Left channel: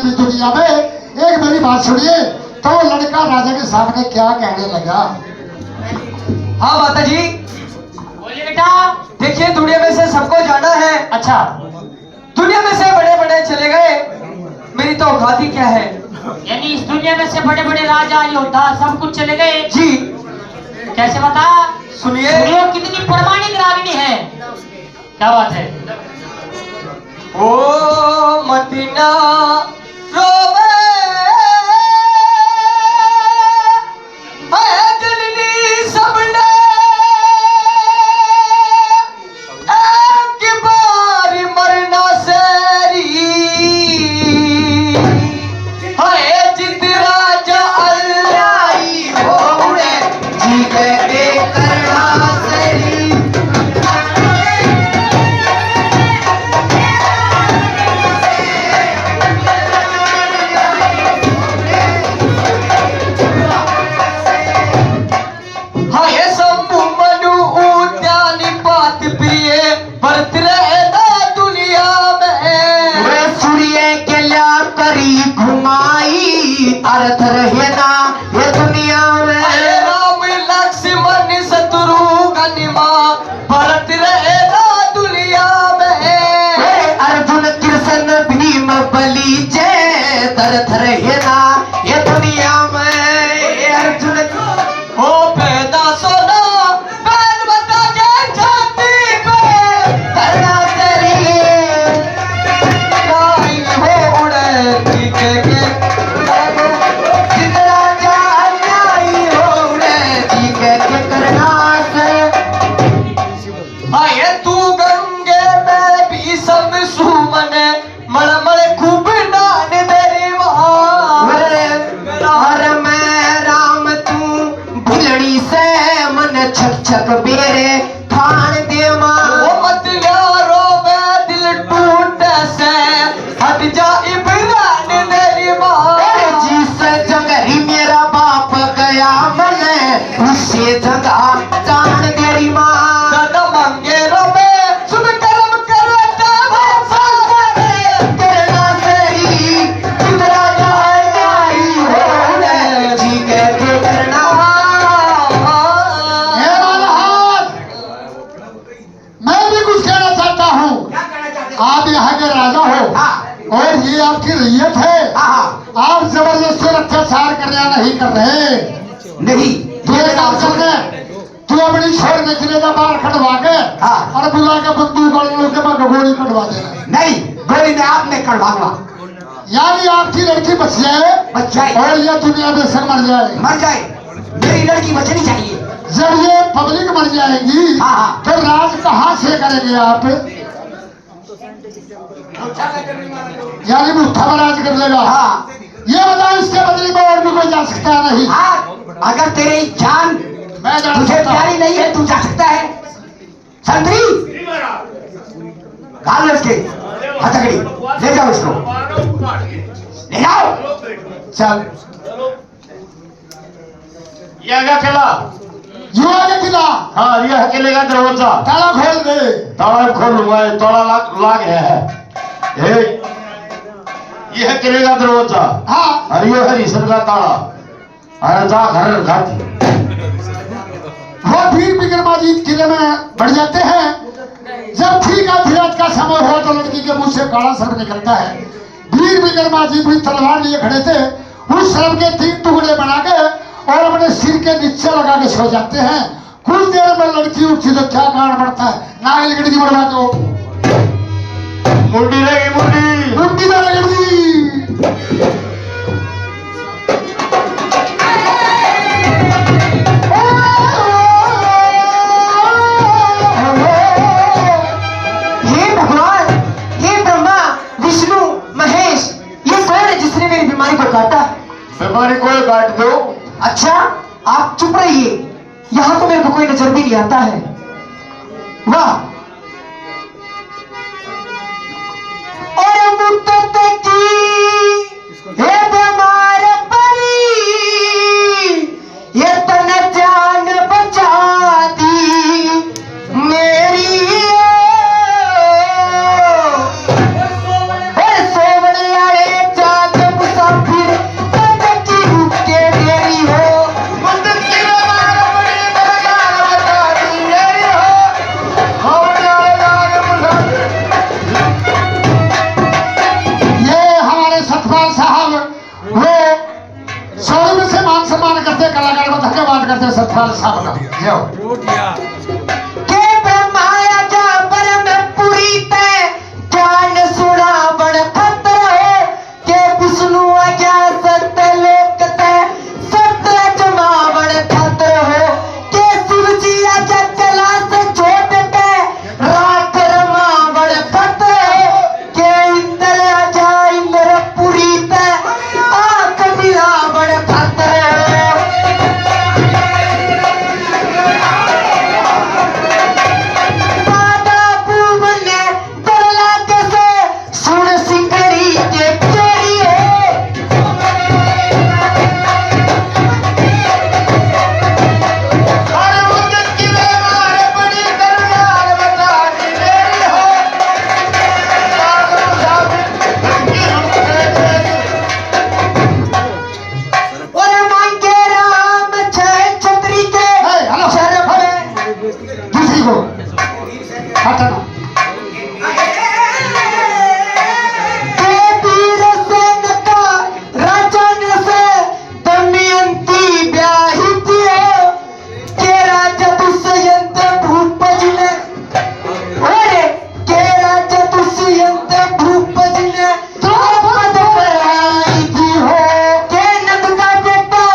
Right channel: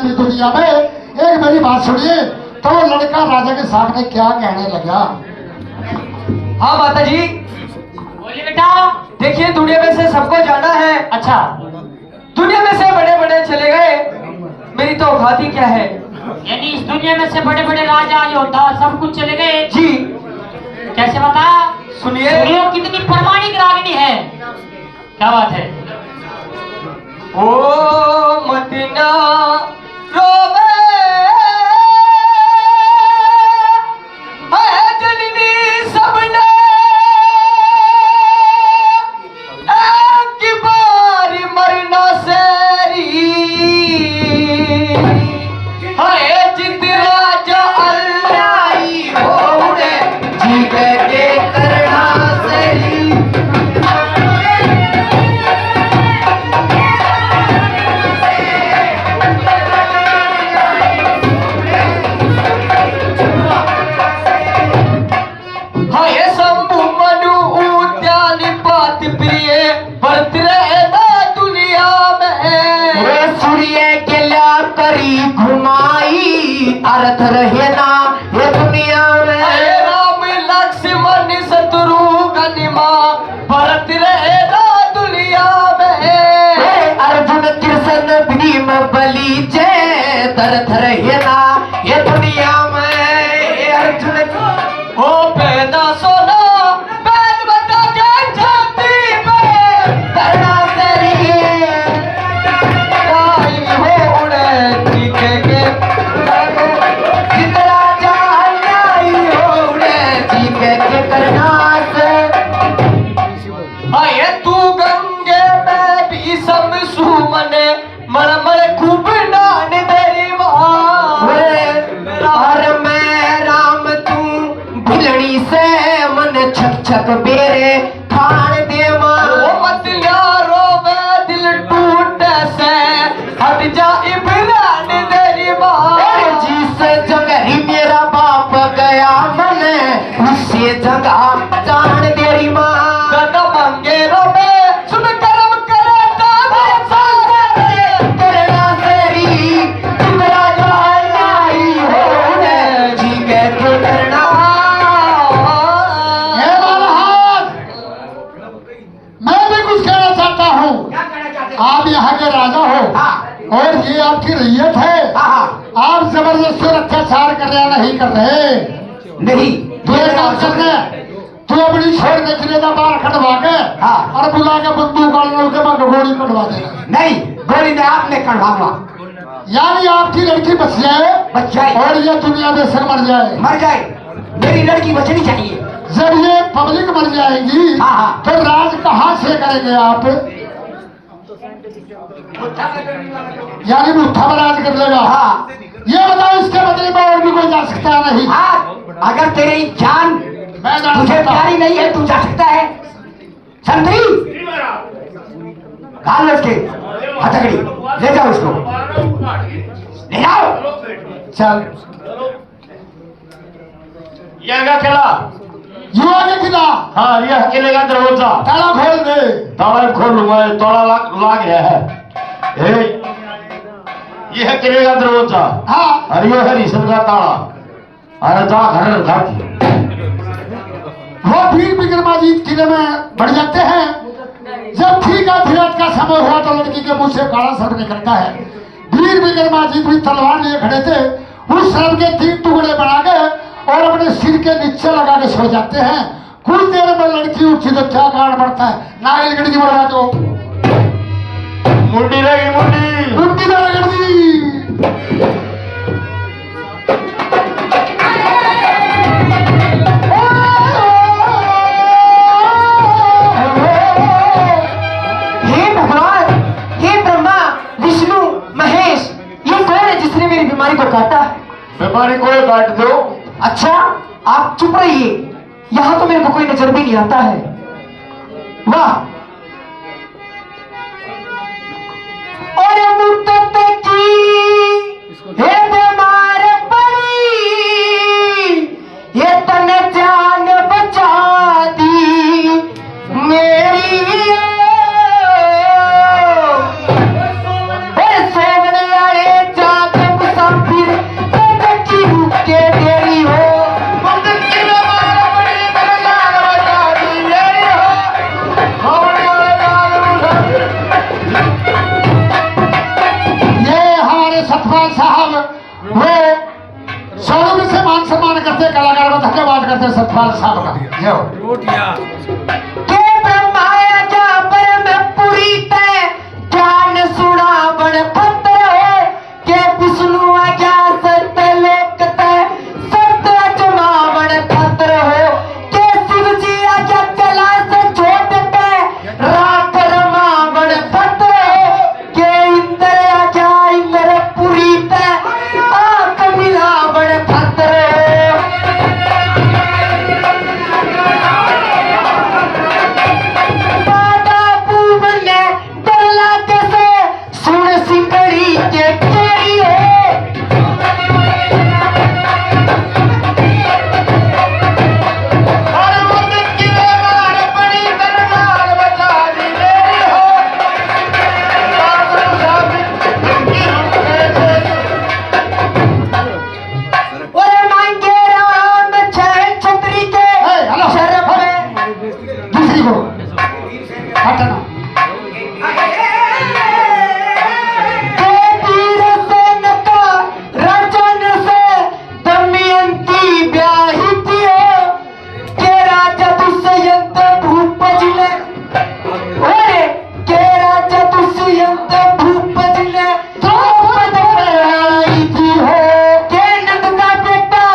भी दुनिया में एक मेरी बात सुनिए। तो लड़का राजा के सामने क्या कहने लगा? हाँ माता जी बोलिए बेटा। देखिए, दुनिया में से सबको जाना है। अच्छा, दुनिया में से बड़े बड़े चले गए, मेरी तो औकात ही क्या है। यानी इस दुनिया में से बड़े बड़े राजा योद्धा सब कुछ चले गए जी कैसे बता? सुनिए। सुनियो कितनी प्रामाणिक रागिनी है, क्या बात है। ओ मदीना रोवे मैं जननी सबने एक बार मरना सेरी हरे जिद राजा लाई होने जी के करना सेरी। बली जय दर धर हेना ये दुनिया में अर्जुन को पैदा सोना पैद बता के छाती पे करना तेरी कोई हो उड़े की के जितना जाई हो उड़े जी के करना से आए तू गंगे में भी सब सुमने मलमल खूब नान तेरी हर मैं राम तू भिलड़ी से मन छक छक बेरे खान देवा मत यारो मैं दिल टूट से हट जा इमरान तेरी जी से जगह मेरा बाप गया मन उससे जगह जान तेरी माँ मंगे रोबे सुन कर्म करता आप यहाँ के राजा हो और ये आपकी रैयत है। आप जबरदस्ती अत्याचार कर रहे नहीं कर रहे? नहीं ये काम कर रहे। तू अपनी छोड़ने के लिए बाहर कटवा के और बुला के बंदूक वालों के बाद गोली कटवा दे। नहीं, गोली में आपने कटवाऊंगा। यानी आपकी लड़की बच जाए और ये दुनिया में से मर जाए। मेरी लड़की बचनी चाहिए। जब ये पब्लिक मर जाएगी तो राज कहाँ से करेंगे आप? यानी मुट्ठा राज कर लेगा। ये बताओ, इसके बदले में और भी कोई जा सकता है? नहीं। अगर तेरी जान तुझे प्यारी नहीं है तू जा सकता है। संतरी डाल लो उसके हथकड़ी, ले जाओ इसको, ले जाओ। चल ये आगे चला। युवा के किला। हाँ, ये अकेले का दरवाजा ताला खोल दे। ताला खोल लूंगा, ताला लाग गया है। ये अकेले का दरवाजा। हाँ। और ये हरिशन का ताला। अरे जा घर घाटी। वो फिर बिक्रमाजीत किले में बढ़ जाते हैं। जब ठीक आखिरत का समय हुआ तो लड़की के मुंह से काला शब्द निकलता है। वीर बिक्रमाजीत भी तलवार लिए खड़े थे। उस शब्द के 3 टुकड़े बना के और अपने सिर के नीचे लगा के सो जाते हैं। कुछ देर में लड़की उठती तो क्या गाड़ पड़ता है? नागल गड़गी बढ़वा दो। मुंडी लगी, मुंडी हे भगवान, हे ब्रह्मा विष्णु महेश, ये कौन है जिसने मेरी बीमारी को काटा? बीमारी कोई काट दो। अच्छा, आप चुप रहिए, यहाँ तो मेरे को कोई नजर भी नहीं आता है। वाह, और मुद्दत की हे बीमार पड़ी, ये तन जान बचा दी मेरी। सोवने वाले वो शोरूम से मान सम्मान करते, कलाकार को धन्यवाद करते, सतपाल साहब का जाओ। के ब्रह्माया जा पर मैं पूरी तय ज्ञान सुना बड़ खतर है के विष्णु आज्ञा सत्य लोक तय सत्य जमा बड़ खतर हो के शिव जी आज्ञा कला से जोत तय राख रमा बड़ खतर हो के इंद्र आज्ञा इंद्र पूरी तय आंख मिला बड़ खतर है। दादा पूवन ने डरला कैसे सुन सिकड़ी के केरी है और मांगे राम जय छतरी के शरफ में दूसरी को हटना। के वीर सेन का राजन से दमयंती ब्याही थी हो के राजा दुष्यंत भूपज ने अरे के राजा दुष्यंत भूपज ने द्रौपद पर आई थी हो के नंद का बेटा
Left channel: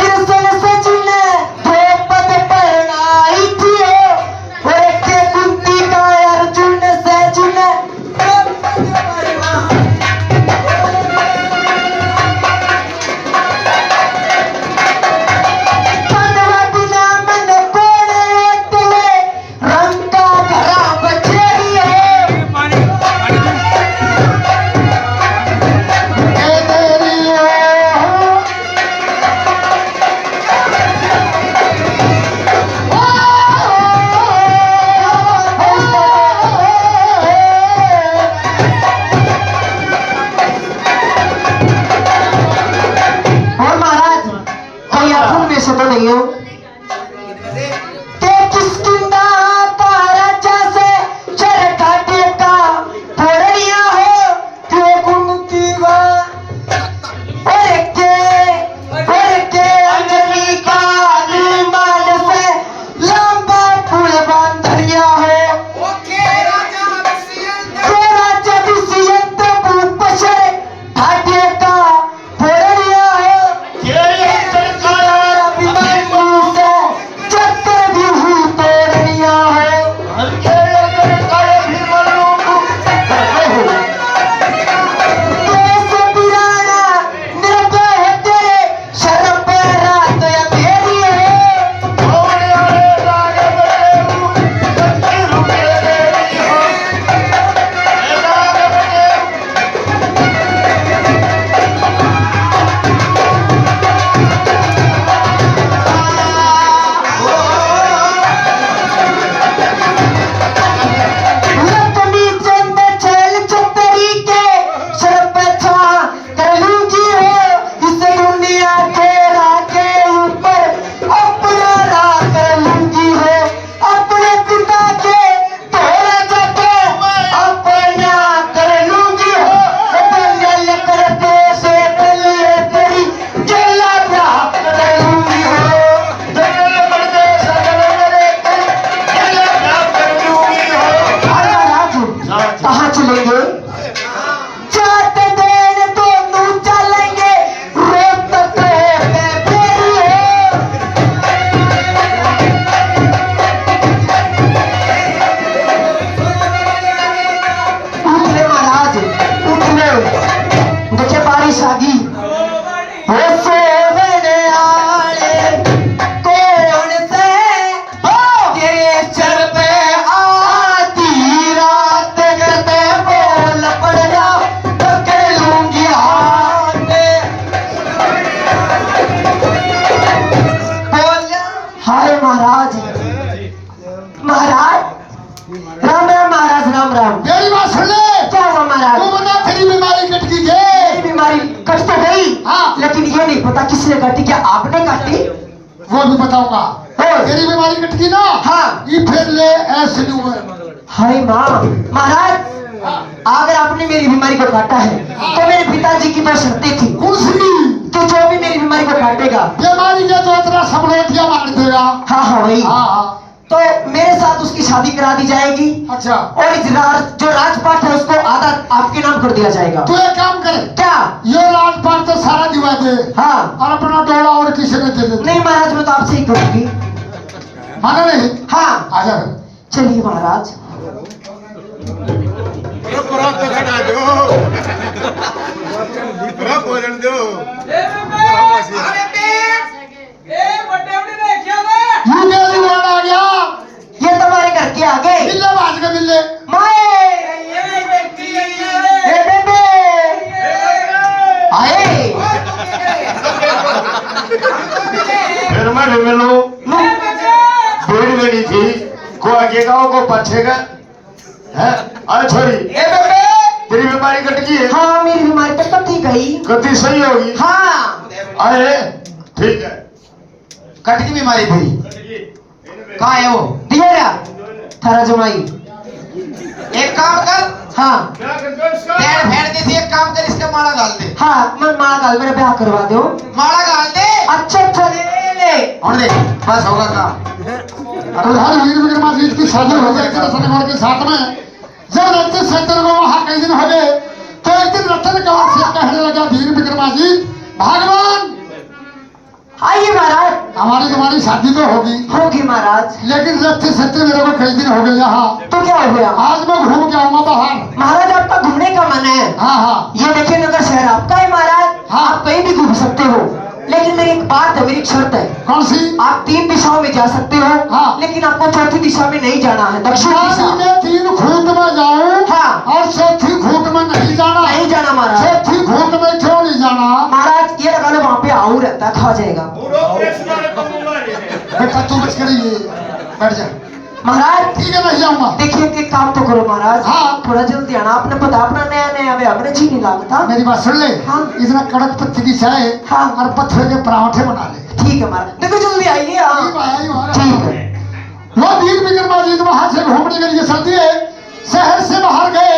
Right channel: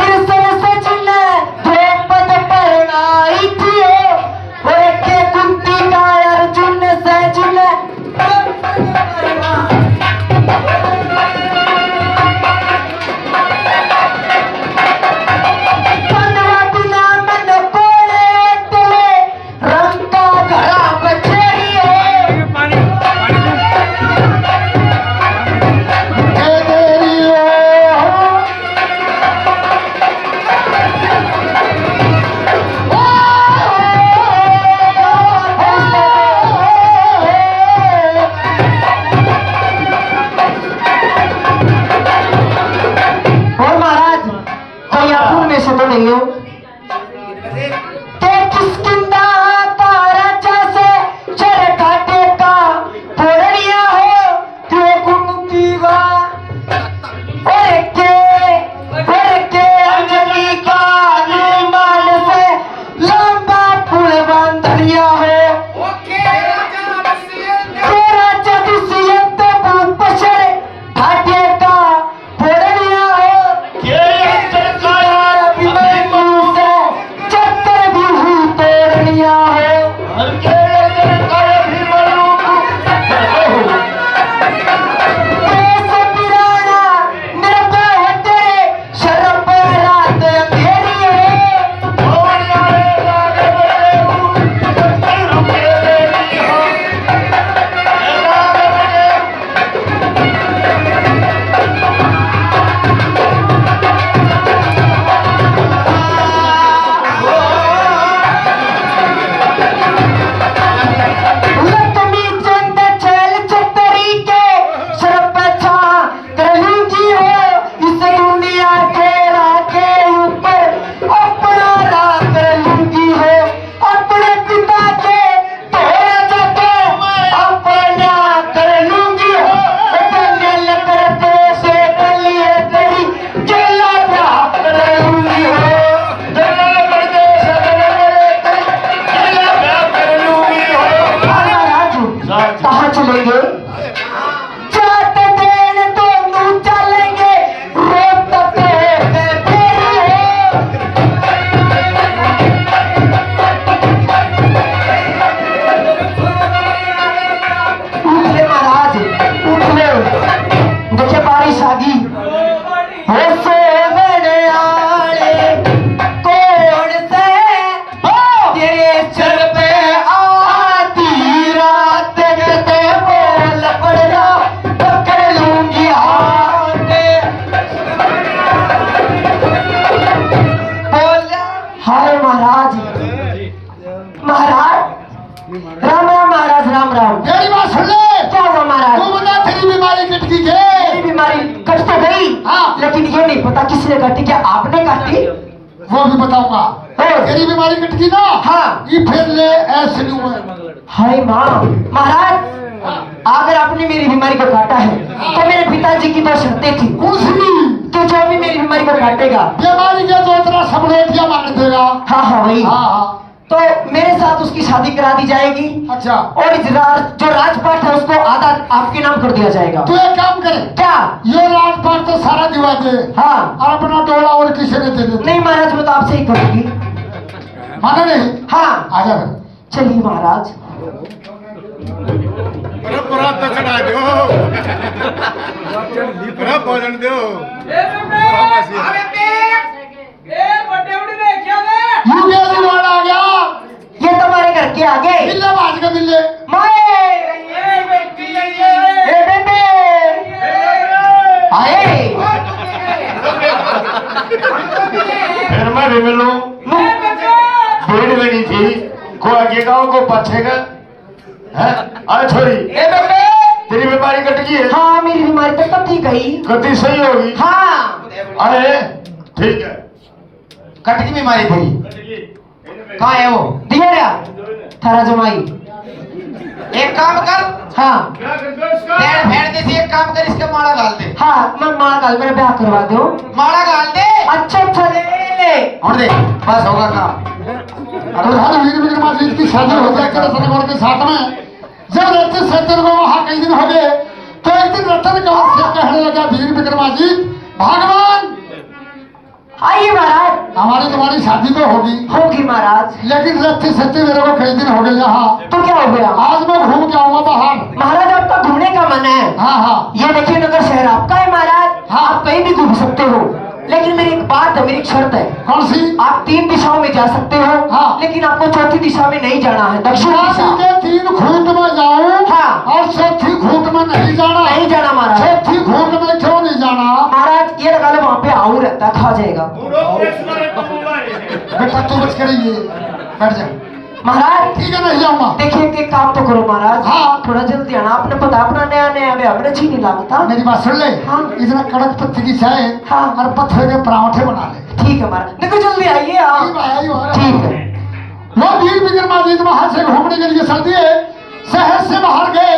कृष्ण सच ने द्रौपद पर आई थी हो और के कुंती का अर्जुन सच ने द्रौपद पर आई कनवा बिना मन बोले तेरे रंग का घड़ा बचेरी है ये तेरी और महाराज कोई आंखों में से तो नहीं हो के किसकिंदा आता राजा से चर काटे का फोड़िया हो के गुमती वा और के अंजलि का निर्माण से लंबा पुल बांधनिया हो के राजा दुष्यंत भूपशर घाटे का फोड़िया हो चक्कर भी हुई तोड़निया है देश बिराना निर्भय होते शर्म पे रात अंधेरी है लक्ष्मी चंद चल छतरी के सर पे छा करूंगी हो इस दुनिया के राके ऊपर अपना राज करूंगी हो अपने पिता के तोड़े जाके अपना कर लूंगी हो जंगल करते से बलिए तेरी जेला प्राप्त करूंगी हो जंगल करते से जेला प्राप्त करूंगी हो। महाराज कहाँ चलेंगे जाते देन दोनों चलेंगे रोज तक उठले महाराज उठले देखे बारिश आ गई हो सोवने आले कौन से के सर पे आती रात कहते बोल पड़ जा पकड़ लूंगी हाथ बोल हाय महाराज महाराज राम राम महाराज राम राम मेरी बात सुन ले। क्या हुआ महाराज तू बोला तेरी बीमारी कट गई ये है। बीमारी कट तो गई हाँ। लेकिन ये नहीं पता किसने काटी क्या आपने काटी वो भी बताऊंगा। तेरी बीमारी कट गई ना। हाँ। ये फिर ले ऐसे नहीं हुआ। हाय माँ महाराज अगर आपने मेरी बीमारी को काटा है तो मेरे पिताजी की तो शर्तें थी कौन सी हुई, हाँ हाँ तो मेरे साथ उसकी शादी करा दी जाएगी अच्छा और इस जो राजपाट है उसको आधा आपके नाम कर दिया जाएगा। तू एक काम करे, क्या? ये राजपाट तो सारा दिवा दे हाँ। और अपना डोला और किसी ने दे दे। नहीं महाराज, मैं तो आपसे ही करूंगी। माना नहीं? हाँ आजा चलिए महाराज। यू आ गया, ये तुम्हारे घर के आगे मिलने बाज के मिलने माए ए बेबे आए। फिर मैं भी मिलूं, भीड़ मेरी थी, को आगे का को पीछे का है। आ छोरी, ए बेबे, तेरी बीमारी कट गई है? हाँ मेरी बीमारी तो कब थी गई। कति सही होगी? हाँ आए ठीक है, कट की बीमारी थी। कहाँ है वो? दिया थारा जमाई। एक काम कर, हाँ पैर फेर दे से एक काम कर, इसका माला डाल दे। हाँ मैं माला गाल, मेरा ब्याह करवा दो। माला डाल दे अच्छा अच्छा ले ले और देख, बस होगा काम। प्रधान वीर विक्रमादित्य की शादी हो जाए रतन के साथ में। जब रतन सैतन को वहां कई दिन हो गए तो एक दिन रतन कौर से कहने लगा, वीर विक्रमादित्य भगवान आइए महाराज। हमारी तुम्हारी शादी तो होगी, होगी महाराज। लेकिन रत्ते सत्ते मेरे को कई दिन हो गए यहाँ। तो क्या हो गया? आज मैं घूम के आऊंगा बाहर। महाराज आपका घूमने का मन है? हाँ हाँ ये देखिए नगर शहर आपका है महाराज। हाँ। आप कहीं भी घूम सकते हो, लेकिन मेरी एक बात है, मेरी एक शर्त है। कौन सी? आप 3 दिशाओं में जा सकते हो, हाँ। लेकिन आपको चौथी दिशा में नहीं जाना है, दक्षिण शादी दिशा। के 3 खूंट में जाऊं हाँ। और चौथी खूंट में नहीं जाना। नहीं जाना महाराज। चौथी खूंट में क्यों नहीं जाना? महाराज ये लगा लो, वहाँ पे आऊ रहता है, खा जाएगा। बेटा तू बच कर ये बैठ जा। महाराज ठीक है नहीं जाऊंगा। देखिए कि काम तो करो महाराज। हाँ। थोड़ा जल्दी आना, आपने पता अपना नया नया वे हमने जी नहीं लागता। मेरी बात सुन ले। हाँ। इतना कड़क पत्ती की चाय हाँ। और पत्थर के पराठे बना ले। ठीक है महाराज, देखो जल्दी आइए आप। ठीक है। वो वीर विक्रमादित्य वहां से घूमने के लिए चलती है, शहर से बाहर गए।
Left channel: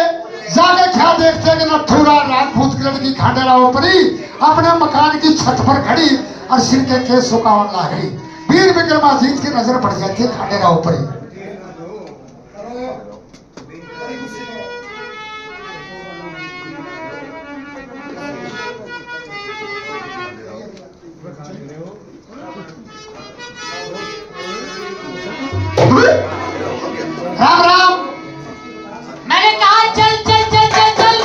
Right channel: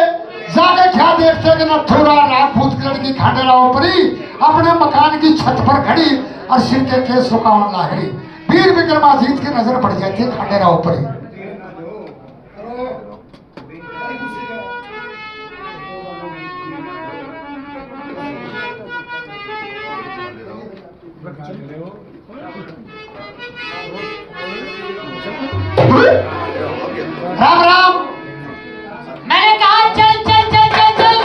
जाके क्या देखते कि नथुरा राजपूत की लड़की खांडेराव परी अपने मकान की छत पर खड़ी और सिर के केस सुकावन लाहड़ी। वीर विक्रमादित्य की नजर पड़ जाती है खांडेराव परी। राम राम। मैंने कहा चल चल चल चल चल।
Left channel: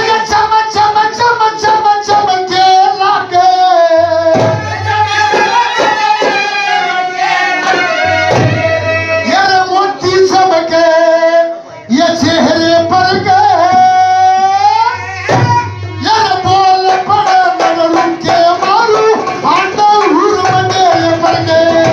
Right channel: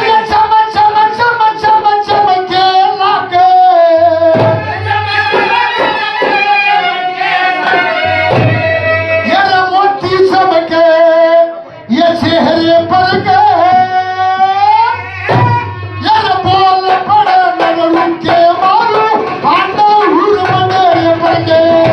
ये चमक चमक चमक चमक चमके लागे, ये मोती चमके ये चेहरे पर गए, ये बोल पड़े नगरू के मारू आंडे हुर बने पर गए।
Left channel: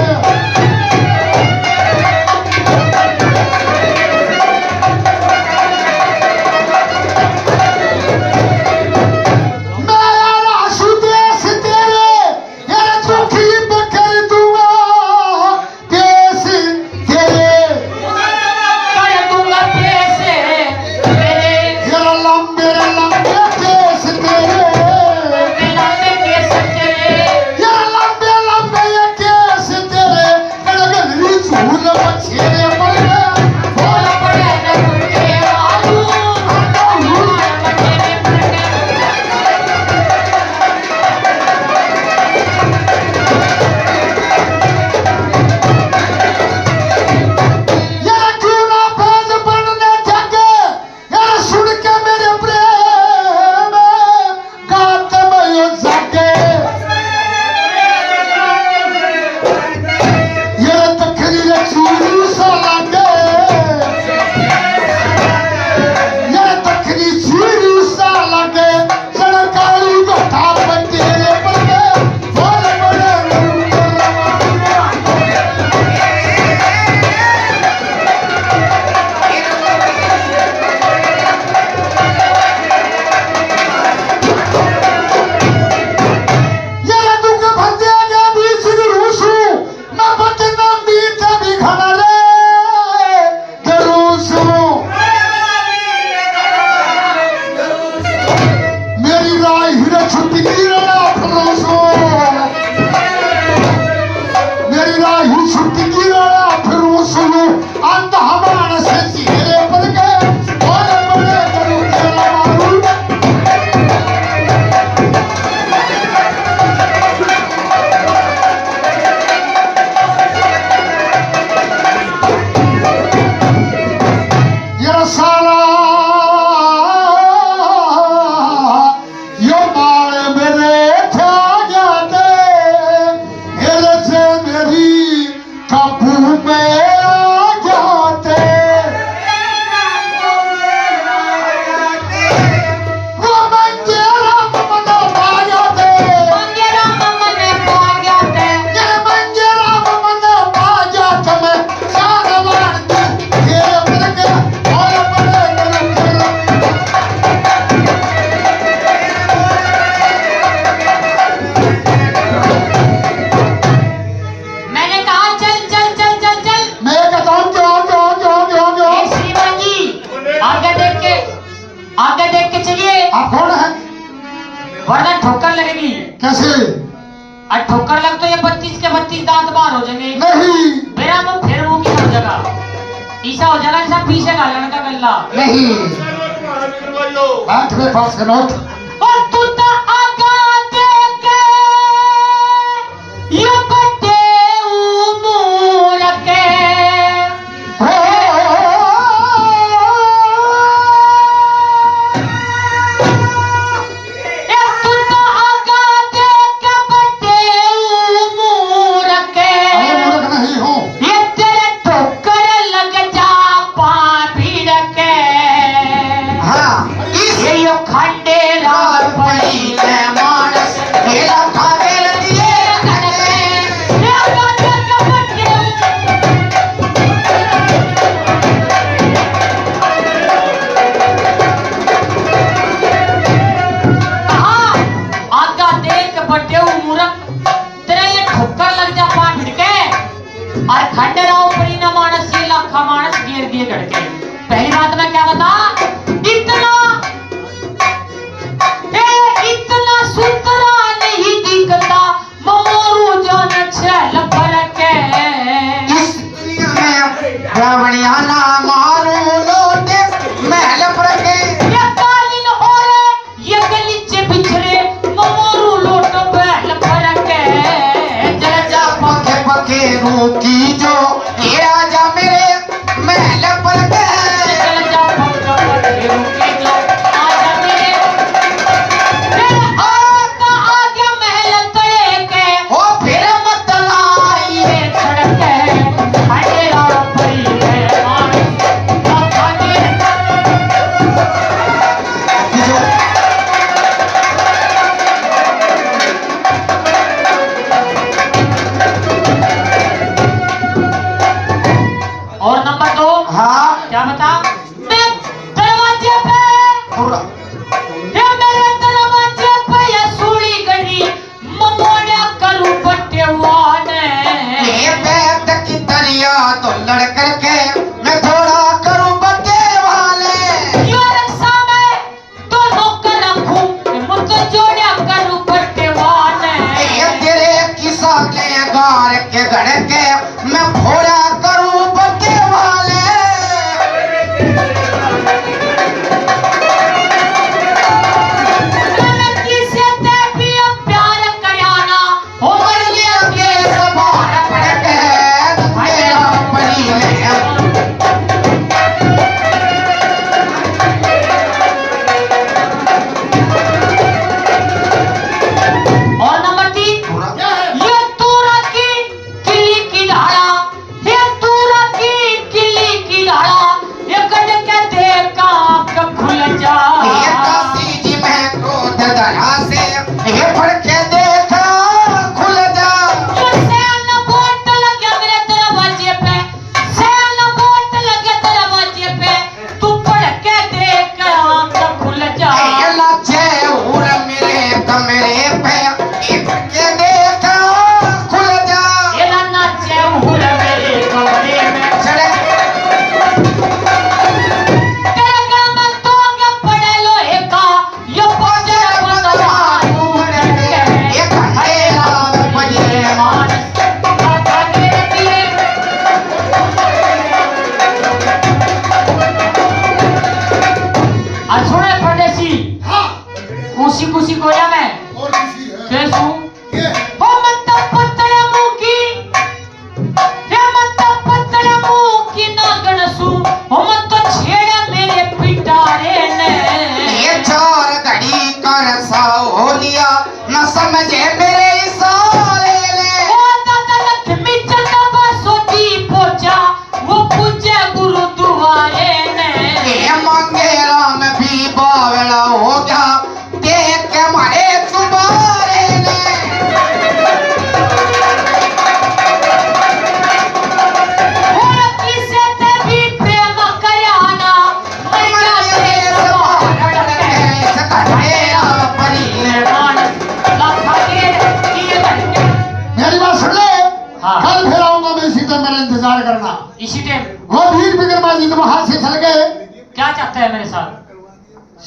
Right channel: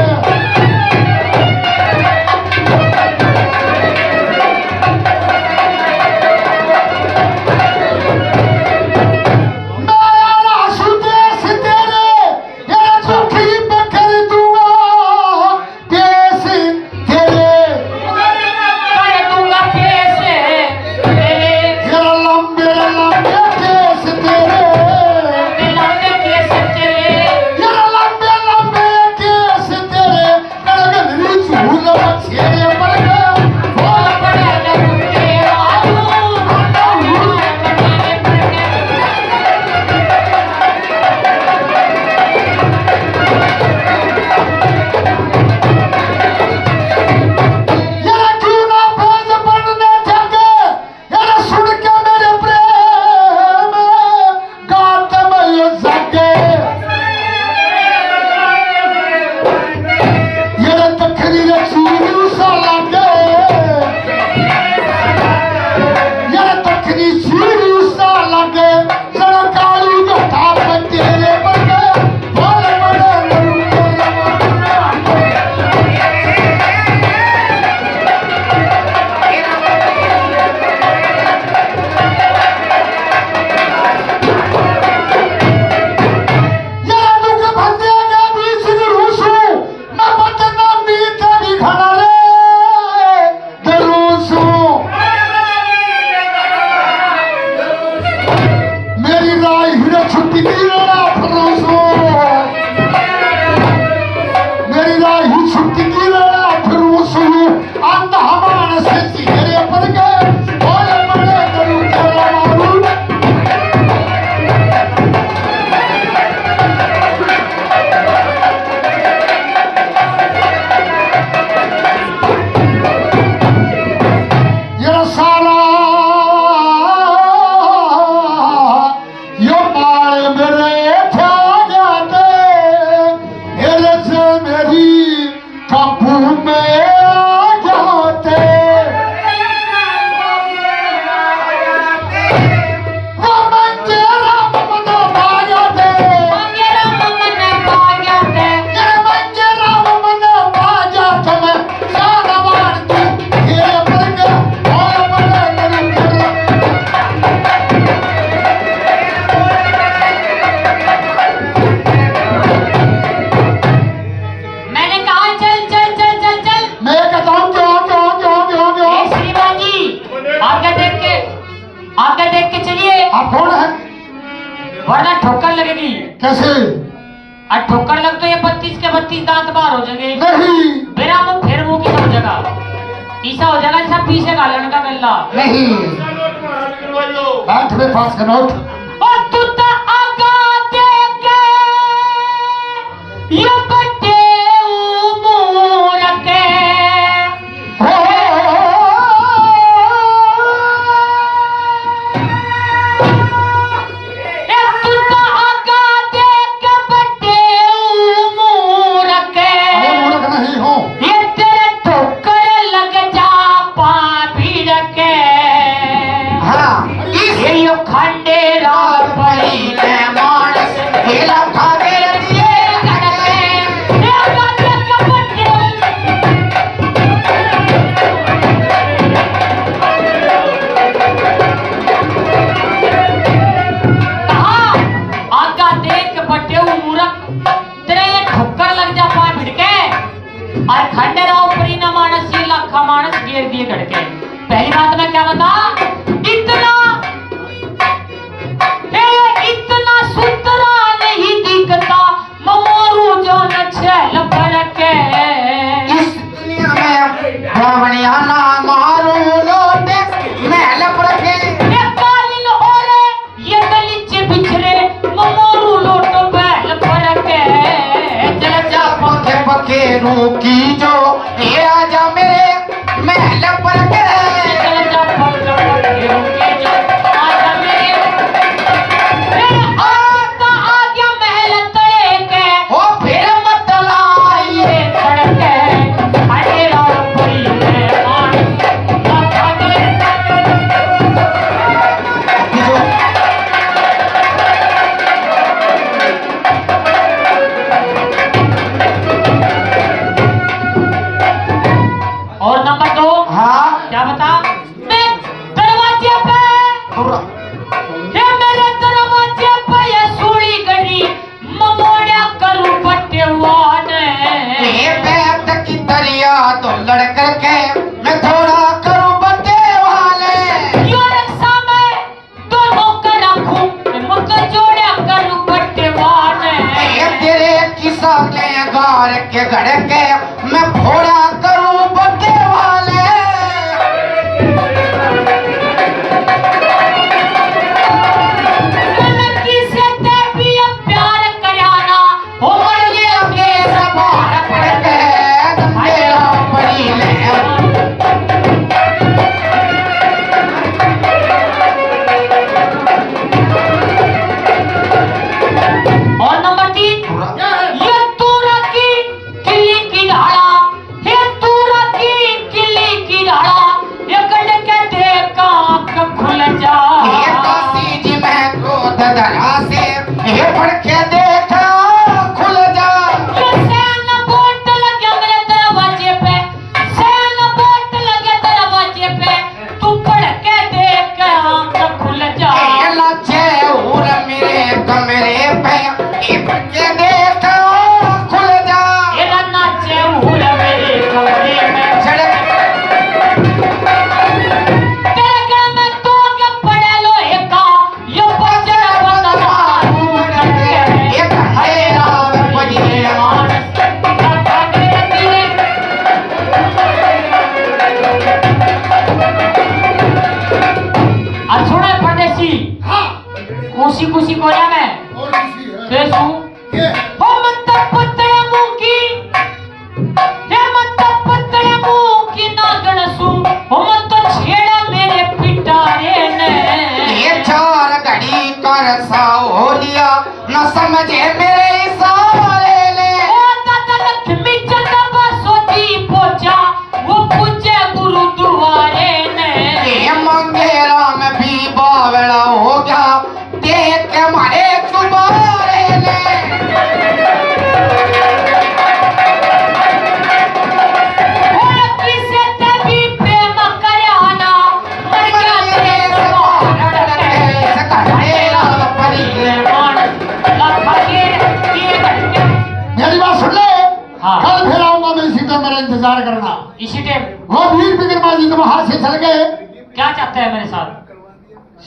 देख के चलिए, आप कौन है? वरना ठोकर लगेगी। कैसे? और ठोकर लग तो ये 32 के 32 दांत बाहर हो जाएंगे। नहीं मेरा मुंह फिर मुंह की हो जाएगा, ऐसा हो जाएगा जैसा पीछे गालन का गल्ला। नहीं, महाराज करवाइयो। हाथ में पास का नोट। और तू तो आगा देख ये बटे उमूर के हो ये तू तो आगा देख बटे उमूर के मैं मूर्ख नहीं हूँ। ये तेरे ठोकर लग जा पा भीड़ के। हाँ ये यो खंडे रात पड़ी ले मानस हेरा खाने दिए ये बातें कपटे हाँ आगा देख के बटे मूर्ख तेरे ये ठोकर लग जा पा भिड़ के और खंडे राव पड़ी न मानस ये लाखा मानस गिर दिए गड़के। पहली बात मैं क्या बता, इतना सुतरा नहीं दिखता मोरू जो नछल भर के। इस दुनिया में रावणियाना मारू लोटे महल पर के ये कालीन और ये गलीचे बिछरे मोरू लोट बैल भर के। जरा जा पके पके रूकी जो ये आजा मेरे महल पर के जरा जा पकड़ के रुके जो आजा मेरे आता आ गया महल तड़े के। ओ फिर मत लाइए ये सड़के हरे राव परी ले मानस लाखा दे और नंबर 2 हाँ क्या बता, मैं दरवाजे पे ये मेरे दरवाजे पे ये सूली गड़ी ममोड़ा करूं पट्टे वाने। ये बैठ की दरिया तो लड़कर के मैं थोड़ा करूं बच्चे वाले यो रक्षा में दोनों का रखूं मुझ जोड़ा करूं पट्टे वाने। ये तेरे किसा के गार के गड़ के मैं थोड़ा करूं बच्चे वाले मैं किसे ते भी प्यार कराना हो ये के सवार पड़ के मेरा परी ले और नंबर 3 ये तूरा की किली की धाड़ा, ये तूरा की किली की धाड़ा ये गड़ के देख आंख खुल जा। ये काशी जी मैं क्रोध धरा से ये पड़ के देखा खुल जा ये सैन बोट लगे मेरे दरवाजे पे, सैन बोट लगे दरवाजे पे तू पढ़ के देख आंख खुल जा। ये लाचे उड़ मेरे कमरे पे ये पड़ के देखा खुल जा ये नाचे उड़ मेरे कोरे में चढ़े तेरे गाँव में तो क्या पड़े लोहे का ये बजर बंगला उड़ के। ये घंटे रात बजे मानस लाखा दे दिए और सुने परदेसी हाँ, कुसी कुसी कोया में और किसी है? कैसू ये हो मत पतड़ा मुंह की ये मत पतड़ा मुंह की नागण सू हो मत छेड़ा मेरे पिटारे ने। ये चार घड़ी कर सा हो लिया न समझे मेरे साले ले ओ दादा लक्ष्मी चंदा सोती पोचा वो पूजे गुरुद्वारे ने। ये मांगे राम भी बावड़ा हो गया देख के मारे चुबारे ले ओ किसे ते भी प्रेम कराना मर गया तेरे सवार के। सका मेरा परी मानस लाखा के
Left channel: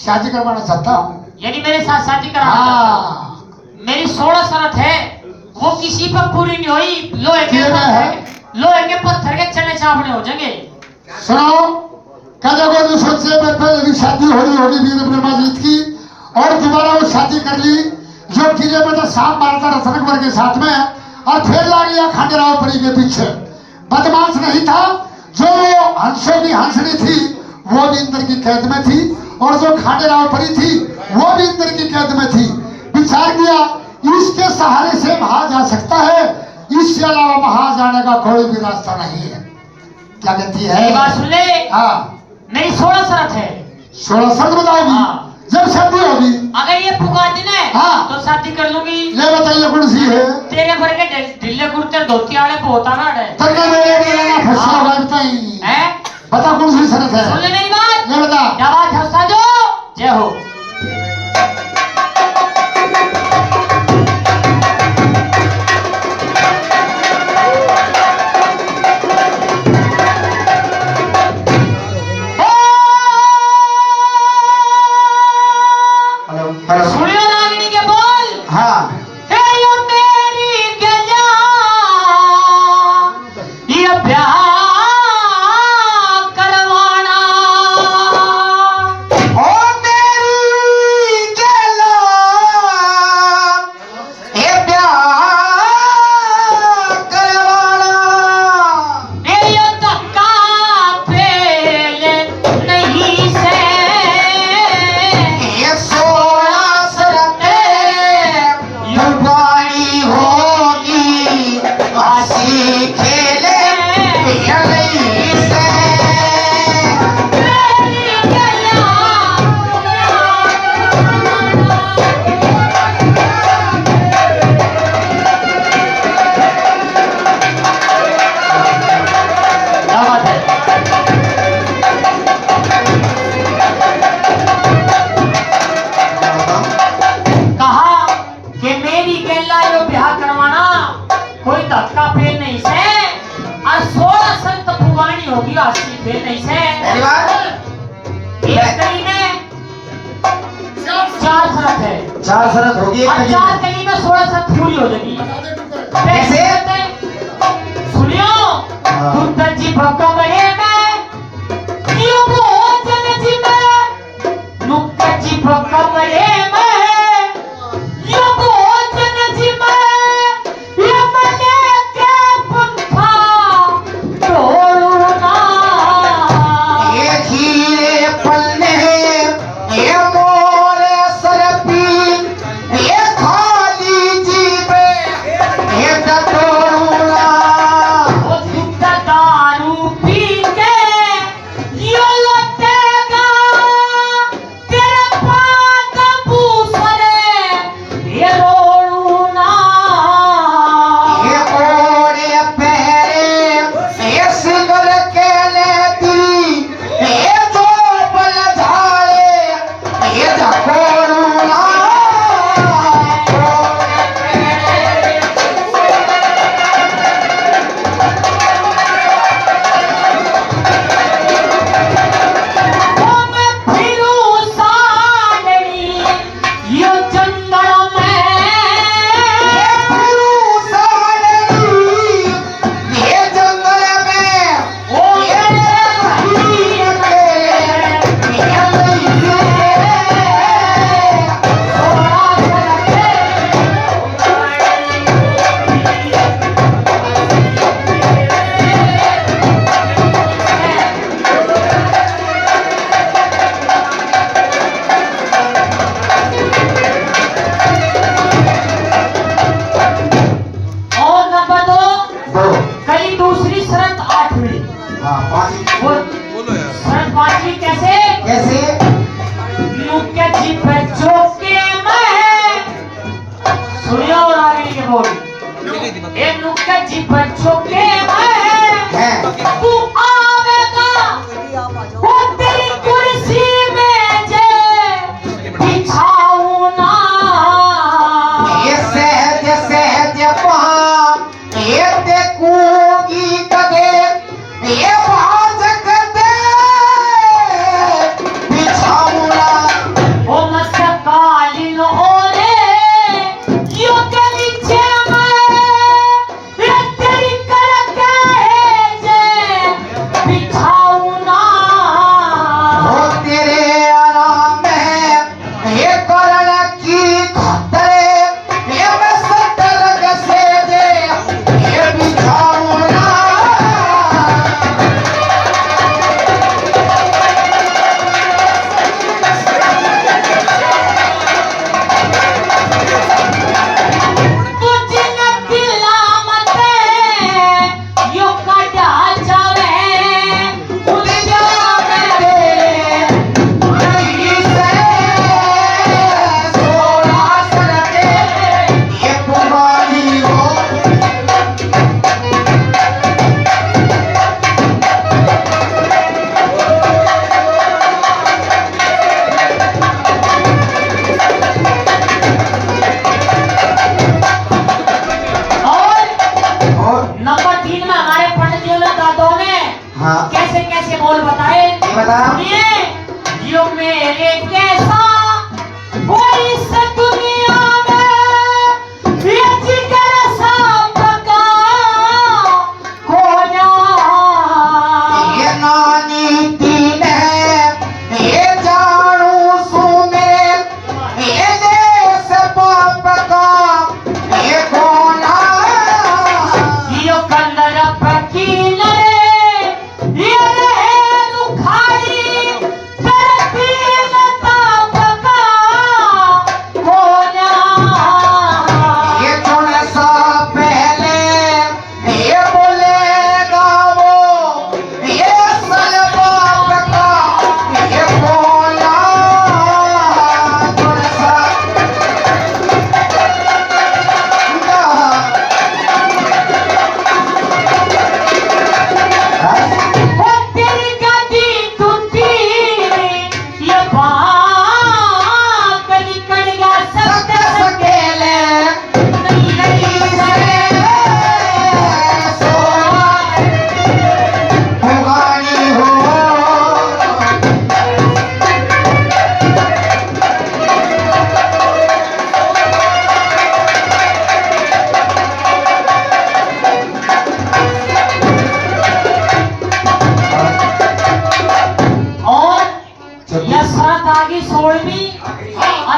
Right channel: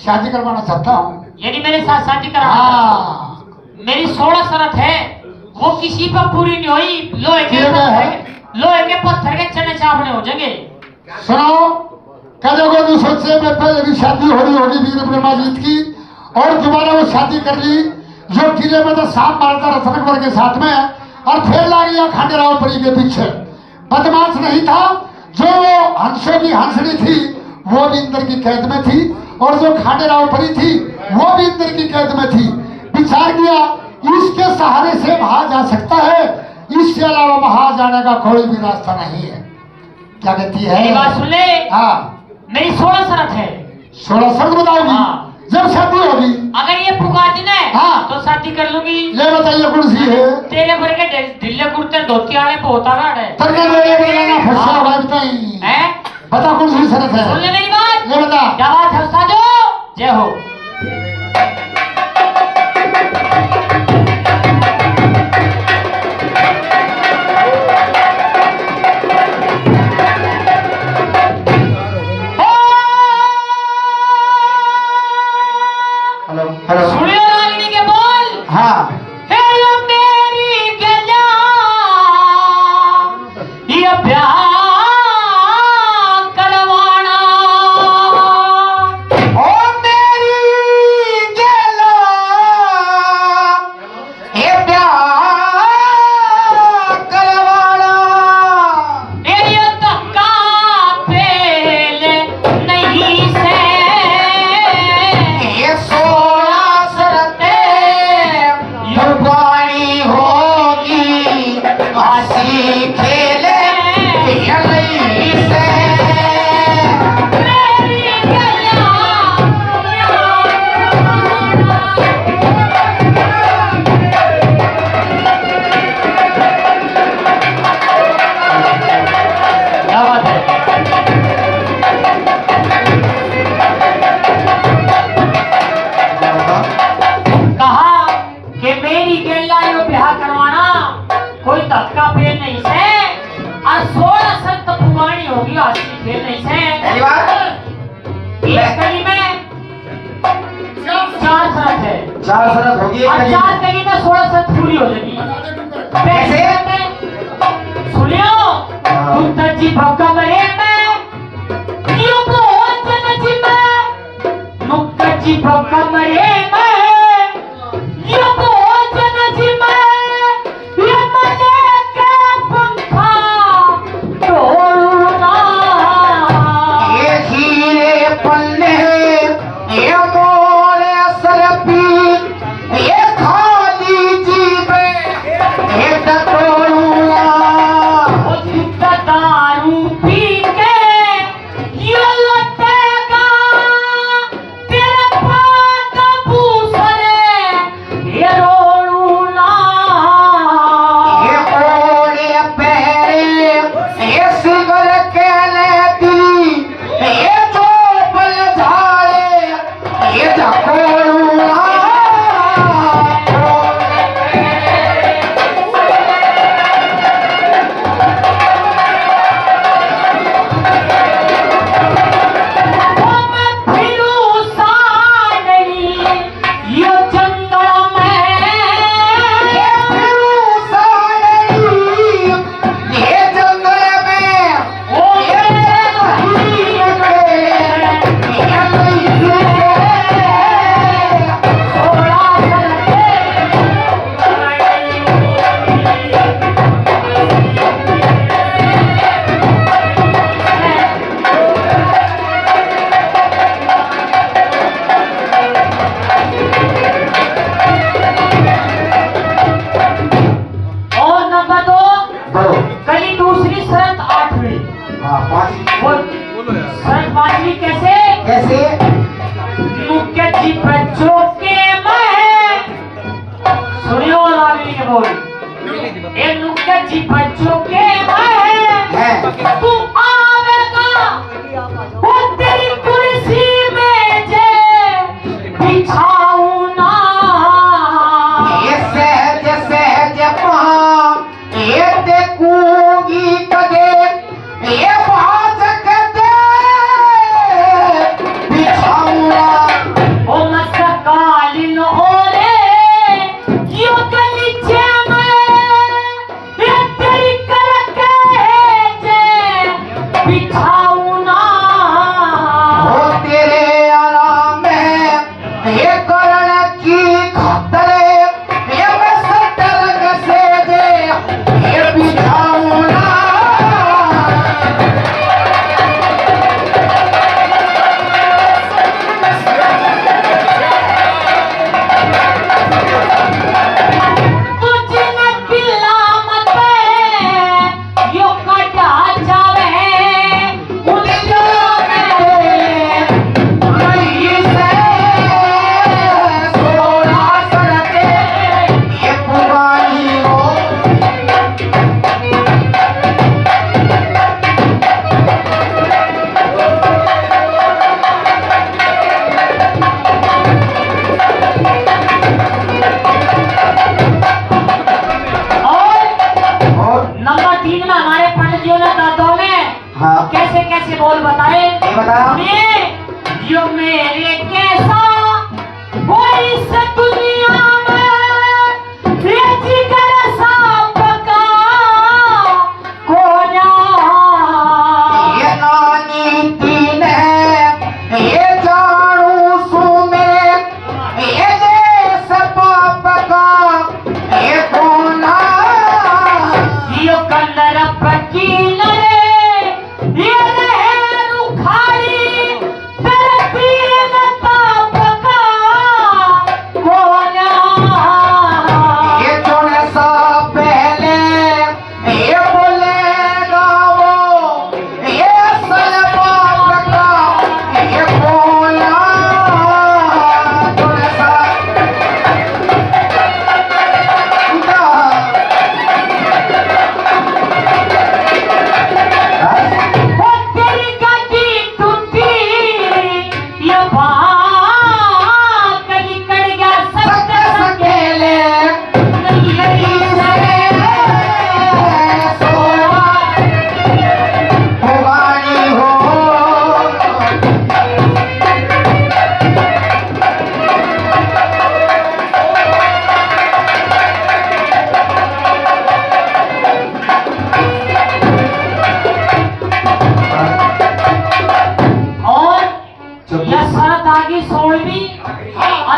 शादी करवाना चाहता हूँ। यानी मेरे साथ शादी कराना। हाँ मेरी 16 शर्त है, वो किसी पर पूरी नहीं हुई। लोहे के ये है। लोहे के पत्थर के चने चावने हो जाएंगे। सुनो, कदे को नहीं सोचे मैं पहले भी शादी हो रही होगी वीर ब्रह्माजीत की, और दोबारा वो शादी कर ली। जो किले में तो सांप मारा था रतनकुमार के साथ में, और फिर ला गया खंडेरावपुरी के पीछे। बदमाश नहीं था, जो हंसों की हंसनी थी वो भी इंद्र की कैद में थी, और जो खंडेरावपुरी थी वो भी इंद्र की कैद में थी। विचार किया इसके सहारे से वहां जा सकता है, इससे अलावा वहां जाने का कोई भी रास्ता नहीं है। क्या कहती है? मेरी बात सुन ले। हाँ, मेरी 16 शर्त है। 16 शब्द बताओगी हाँ। जब शादी होगी। अगर ये पुकार दी ना हाँ। तो शादी कर लूंगी। ये बताइए कौन सी है? तेरे भर के ढिल्ले कुर्ते धोती वाले पोता गाड़ है। तड़के मेरे बोला फंसा हुआ बताई। हैं? बता कौन सी शरत है? सुन ले मेरी बात। ये बता। क्या बात है उस्ताद? जय हो। हेलो। सुनियो रागिनी के बोल। हाँ। हे यो मेरी गजा, ये प्यार करवाना। ओ मेरी गला ये प्यार करवाना। ये यो धक्का पेले नहीं से। ये 16 शर्तें युवानी होगी, हंसी खेले ये नहीं से। मेरी गला क्या बात है? कहा कि मेरी गैला यो ब्याह करवाना, कोई धक्का फेल नहीं से, और 16 शर्त पुरानी होगी, हंसी फेल नहीं से। पहली बार एक कड़ी में 4 शर्त है, 4 शर्त होगी एक और कड़ी 4 कड़ी में 16 शर्त पूरी हो जाएगी। कैसे? सुनियो, तुम जी भक्का मरे में यो भोजन जी में, नुक्का जी भक्का मरे में यो भोजन जी में, यो मने के पुंथा तोड़ना। ये हीरे पन्ने ये मोरे सरपी ये खाली जीवे ये टटोलूला। ओ झुका दारू पी के यो लौटेगा तेरे पास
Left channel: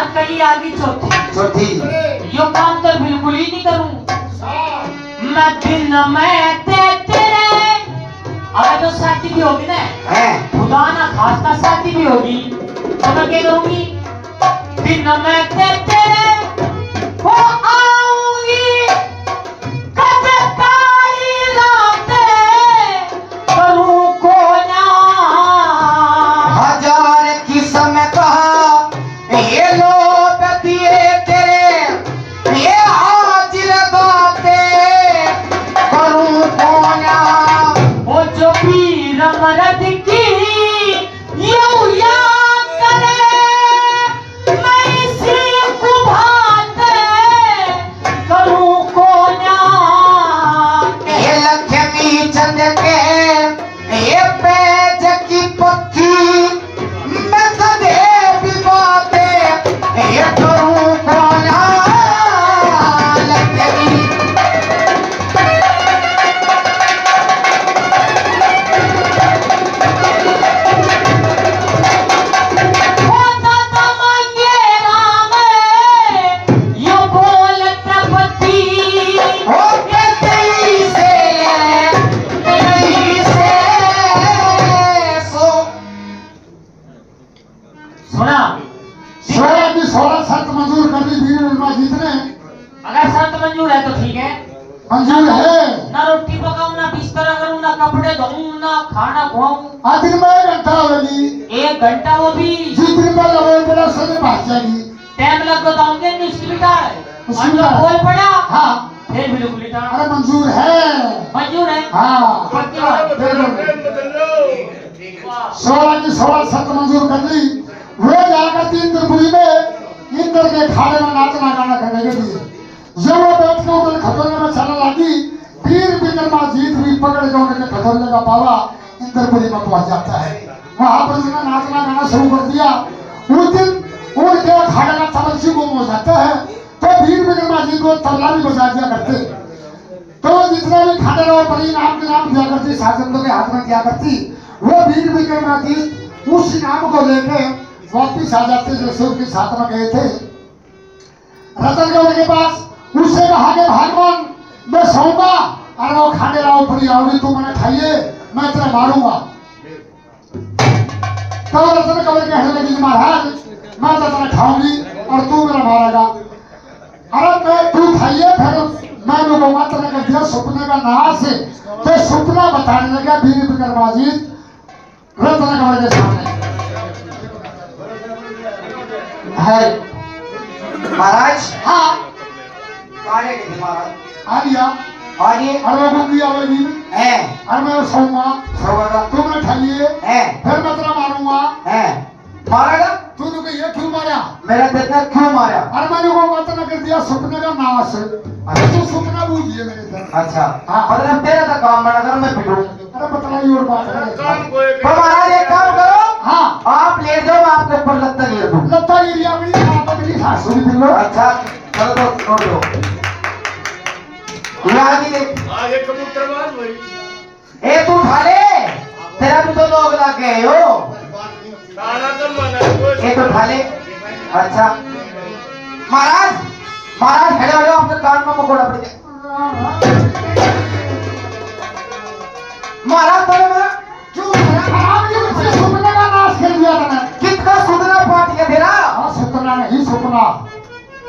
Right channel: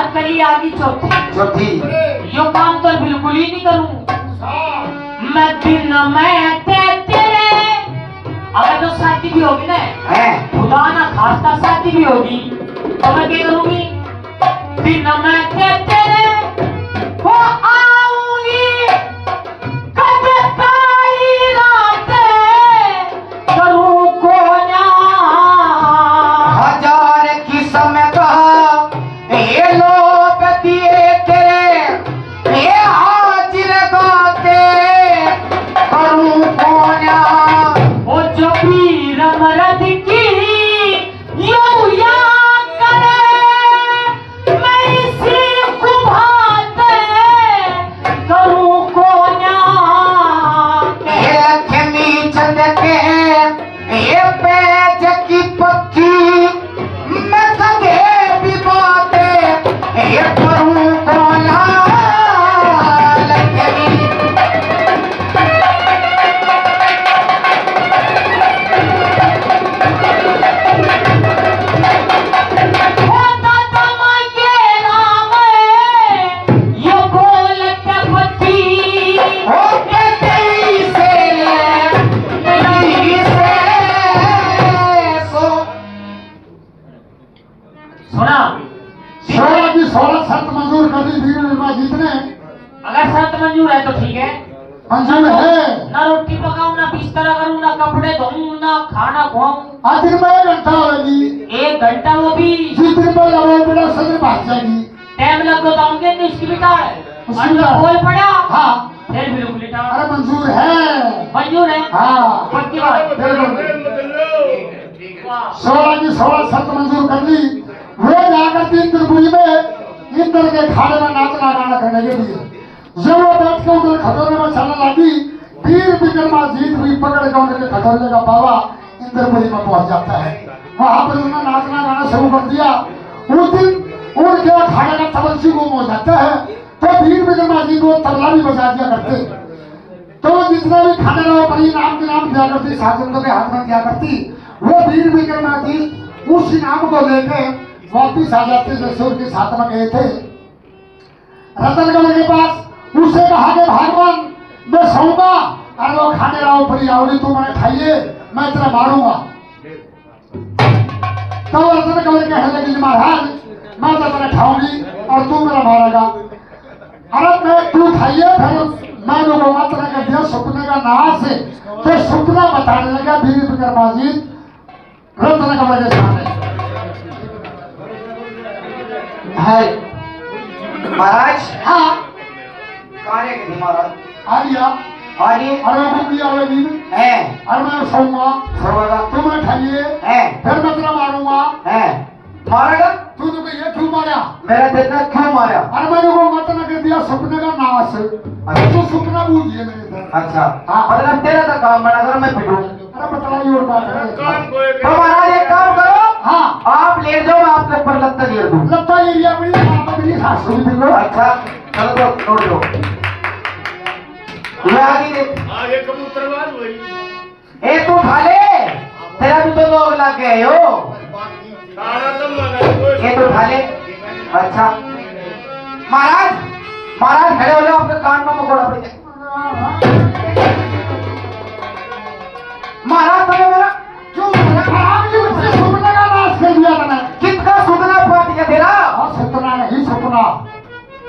और कली आगे चौथी चौथी यो काम तो बिल्कुल ही नहीं करूं मैं दिन में तेरे अगर तो शादी भी होगी ना है खुदा ना खास्ता शादी भी होगी तो मैं क्या करूंगी दिन में तेरे वो आऊंगी कद काली रातें करूं को ना हजार किस्म कहा ये लोग दिए तेरे ये हाजिर गाते करूं कोना वो जो पीर मरद की यूं याद करे मैं इसी को भाते करूं को ना ये लक्ष्मी चंद के ये पैज की पत्ती मैं कदे भी बाते ये करूं कोना लक्ष्मी होता तो मंगेरा में ये बोलते पति ओ तेरी से सो सुना 16 की 16 शर्त मंजूर कर दी वीर विक्रमाजीत ने। अगर शर्त मंजूर है तो ठीक है मंजूर है। ना रोटी पकाऊं ना बिस्तर करूं ना कपड़े धोऊं ना खाना खुआऊं आखिर में 1 घंटा होगी। 1 घंटा वो भी जिस दिन पर लगो बड़ा समय भाग जाएगी। टाइम लग तो आऊंगे नहीं उसकी बिटाड़ उसकी और बिटाड़। बोल पड़ा हाँ फिर भी लोग बिटाड़ अरे मंजूर है। मंजूर है हाँ पक्की बात 16 की 16 शर्त मंजूर कर ली। वो जाकर इंद्रपुरी में इंद्र के खाने में नाचना गाना करने के लिए जब वो बैठ के उधर खतरने में चलने लगी वीर विक्रमाजीत भी पकड़ के उनके खतरने का पावा इंद्रपुरी में पहुंच जाता है। वहां पर उन्होंने नाचना गाना शुरू कर दिया। उस दिन उनके खाने का तबलची गुम हो जाता है तो वीर विक्रमाजीत वो तबला भी बजा दिया करते। तो जितना भी खाने वाला बड़ी नाम के नाम दिया करती शासनों के हाथ में दिया करती वो वीर विक्रमाजीत उस इनाम को लेके वापिस आ जाते जैसे उनके साथ में गए थे। रतन गौर के पास उससे कहा कि भगवान मैं सोऊंगा अरे वो खाने लाओ पड़ी रावड़ी तू मैंने खाइए मैं तेरा मारूंगा। तो रतन गौर कहने लगी महाराज मैं तो तेरा खाऊंगी और तू मेरा मारेगा। अरे मैं तू खाइए फिर मैं बोलूंगा तेरा कर दिया सपने का नाश तो सपना बताने लगा वीर विक्रमाजीत रतन गौर के सामने। है महाराज हाँ कहाँ है कि महाराज आ गया। आगे अरे वो बुक दिया हुआ बीवी है अरे मैं सोऊंगा सर्वदा तुमने खाइए है फिर मैं तेरा मारूंगा। है मारेगा तूने को ये क्यों मारा? मेरा इतना क्यों मारा अरे मैंने वो मतलब कर दिया सपने का नाश तो सपना बूझिए मेरे से। अच्छा हाँ। मतलब तेरा तो काम बड़ा कर मैं पिटूं अरे बतलाइए और बात है। तो महाराज एक काम करो हाँ आप लेट जाओ मैं आपके ऊपर लत्ता गिर दूं लता एरिया में आप अपनी सासू भी लो। अच्छा चलो तो छोड़ दो ये आगे देख आगे कबूतरबाज हुई ए तू खा ले तेरा भी तो लोग लग गए हो सारा दिन मना ये तो खा ले अच्छा महाराज महाराज खड़े हो जाओ आपके कान में मकोड़ा पड़ जाए महाराज तो मेरा क्यों आराम ये बच्चे सपने का नाश कर दिया था मैं। कितना सुधना पार्टी का तेरा हाँ सपना नहीं सपना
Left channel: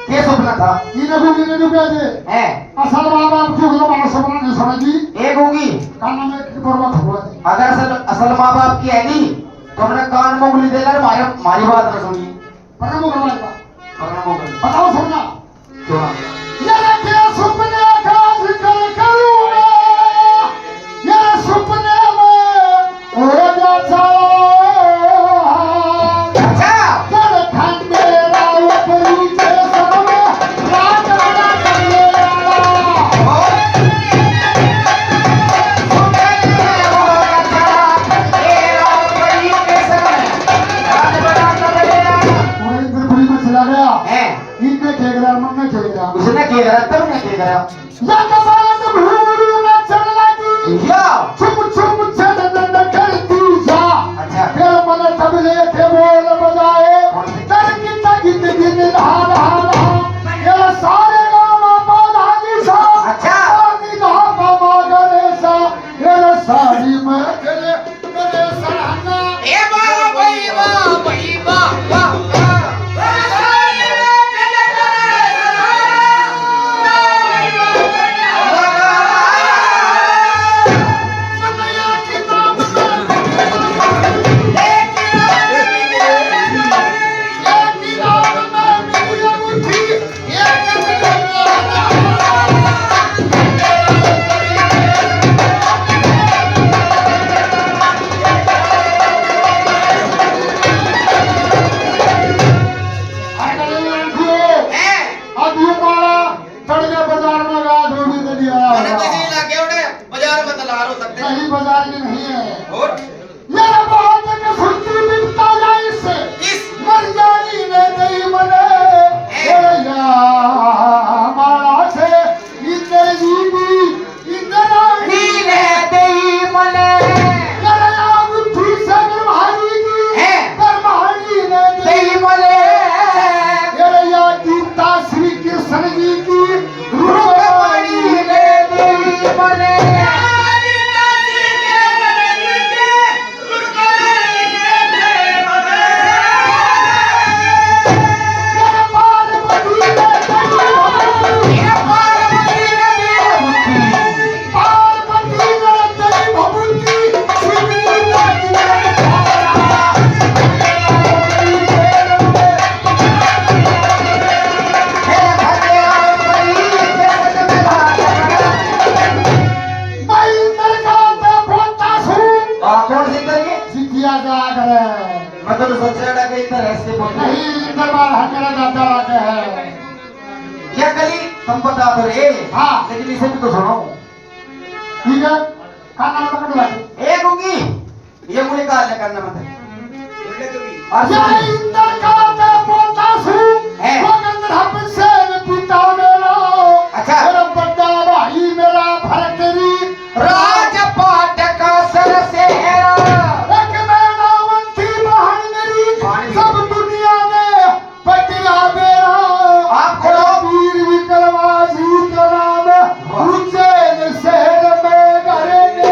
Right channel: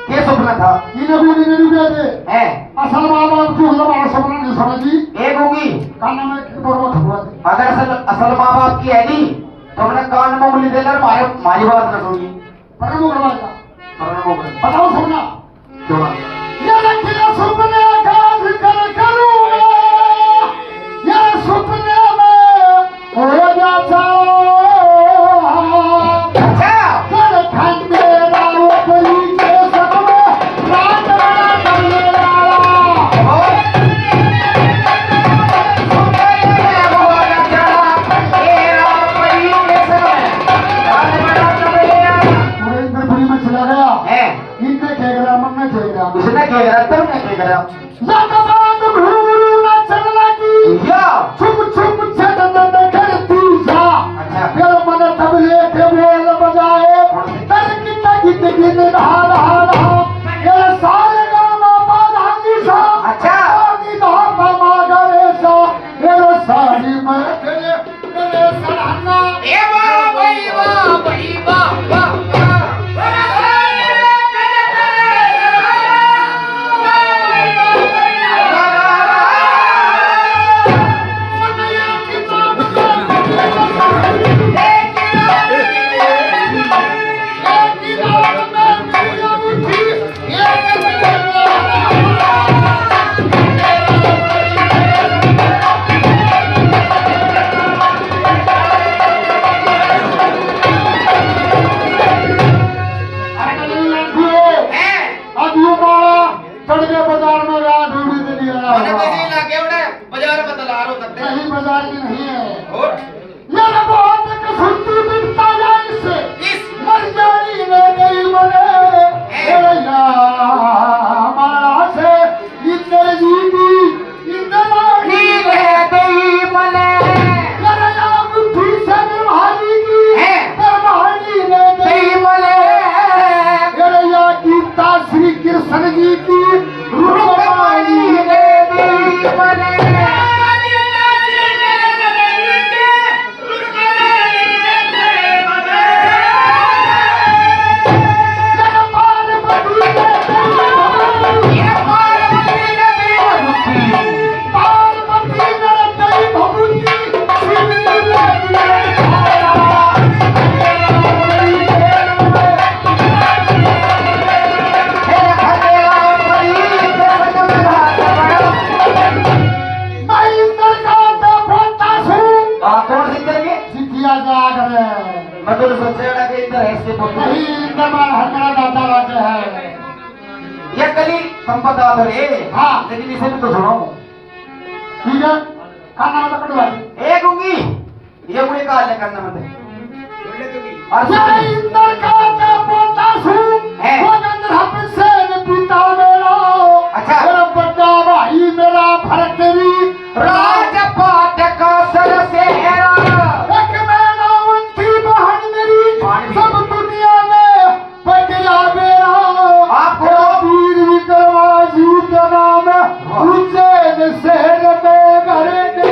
क्या सपना था इन्हें डूबे थे है असल बात आप जो हमारा सपना नहीं समझी एक होगी काना में पर्वत हुआ थे। अगर असल असल माँ बाप की है नहीं तो हमने कान में उंगली देना मारे मारी बात न सुनी पर वो करवा था पकड़ना होगा बताओ सपना क्यों ये तेरा सपने का जिक्र करूंगा ये सपने में हो जाता अच्छा कर खंडे राव परी के सब में रात बड़ा करेगा। पूरे इंद्रपुरी में चला गया इनने खेगरा मन ने खेगरा उसने क्या करा तब ने क्या करा या कबात भूरू न चला की या चुप चुप चंदन करती जा अच्छा फिर मन तबले के बोल बजाए तन कितना जिंदगी नी धा धा धा ये सारे गाँव बाधा निशा अच्छा। नी धा धा गरे सा ये सारी में तेरे तेरे सराहना ए वाह भाई वाह भाई वाह वाह मनया की नाम में की नाम में मेरी मुट्ठी अब ये मारा तड़के बाजार में गया ढूंढी तो नहीं आया कहीं बाजार की नहीं है ये रे बहुत कसुती बिकता जाए इससे मर जानी ने नहीं बने ए या हमारा से इधर जीवी इधर आनी मेरा या बुद्धि से ब्रह्मानी की ब्रह्मानी ने नहीं बने मेरे या गीता श्री कृष्ण जी की रूपवाणी ने नहीं बने हाँ। लेकिन इसे भी तो सुनो ठीक है खाना मतलब पड़ भाई एक होगी ये मुझे कहा है करना मतलब जय इंद्र का मैं पोता हूँ है। वो गंधर्व से न पिता मेरा अच्छा। और बड़ा भाई मेरा भरतरी राजपाट का सर से एक मेरा वंशी बहन मेरी सब दुनिया में पटिया मेरा आपको वीर विक्रमाजीत नाम उज्जैन शहर में घरेंगे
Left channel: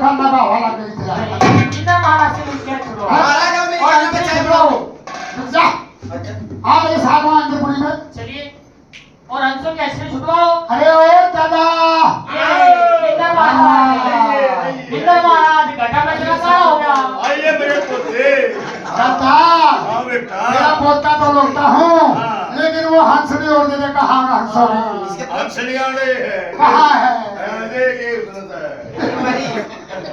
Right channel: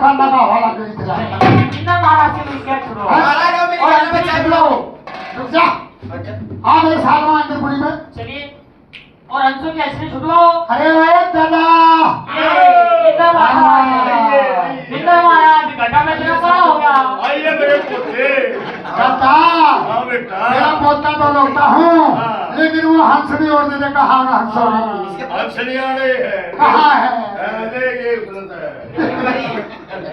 खाना का हवाला कर दिया रुक जा हाँ मेरे साथ में अंदरपुरी में चलिए और हंसों के ऐसे छुटवाओ अरे ओए दादा इंद्र महाराज घटा में तेरा सारा हो गया आइए मेरे पोते दादा हाँ बेटा मेरा पोता तो लगता हूँ हाँ। लेकिन वो हंस नहीं और देने कहा ना हंसोरी हंसलियाने है कहाँ है ये गलत है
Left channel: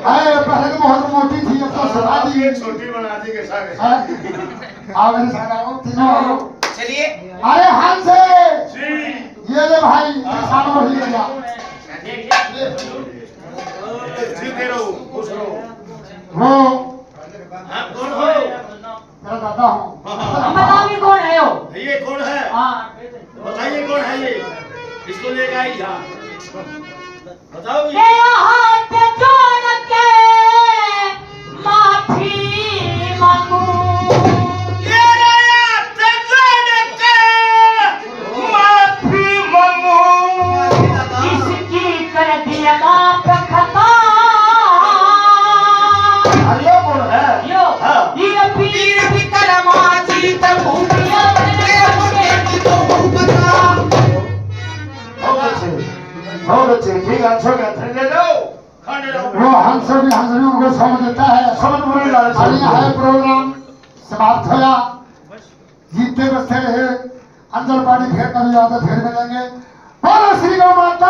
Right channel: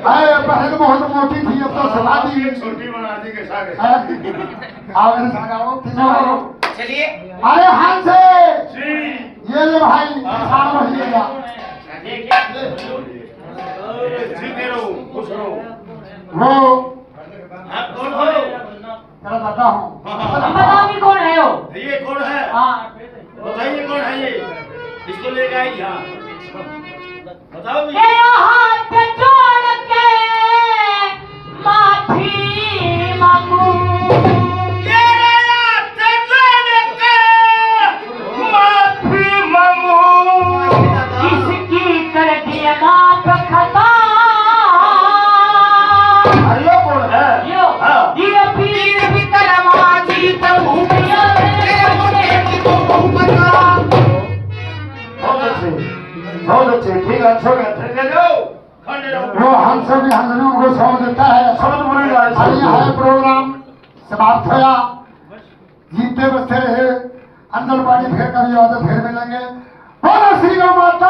अरे पहले तो बहुत मोटी थी अब तो सला दी ये छोटी बना दी कैसा आओ मेरे साथ आओ तीनों आओ चलिए अरे हंस जी ये ले भाई सारा वही ले जा जीते रहो खुश रहो वो आप कौन हो तेरा दादा हूँ हम बताओ भी कौन है वो ये कौन है हाँ बताइए कौन है ये इसको लेकर आई यहाँ बताओ ये हाथ जोड़ के माफी मांगू माफी मांगू किसकी कर दिया माफ खता अरे कौन है यो हाँ। ये पीर भी बहुत अच्छे ठीक है अच्छा ले जाओ खाने रहो वो हंस भी हंसने को छोड़ देता है। सब बुरी लाल और यह प्रोग्राम समाप्त होया। जीते बसते रहे अंदर पानी, फिर कभी आते फिर मिलेंगे। बोलो श्री गौ माता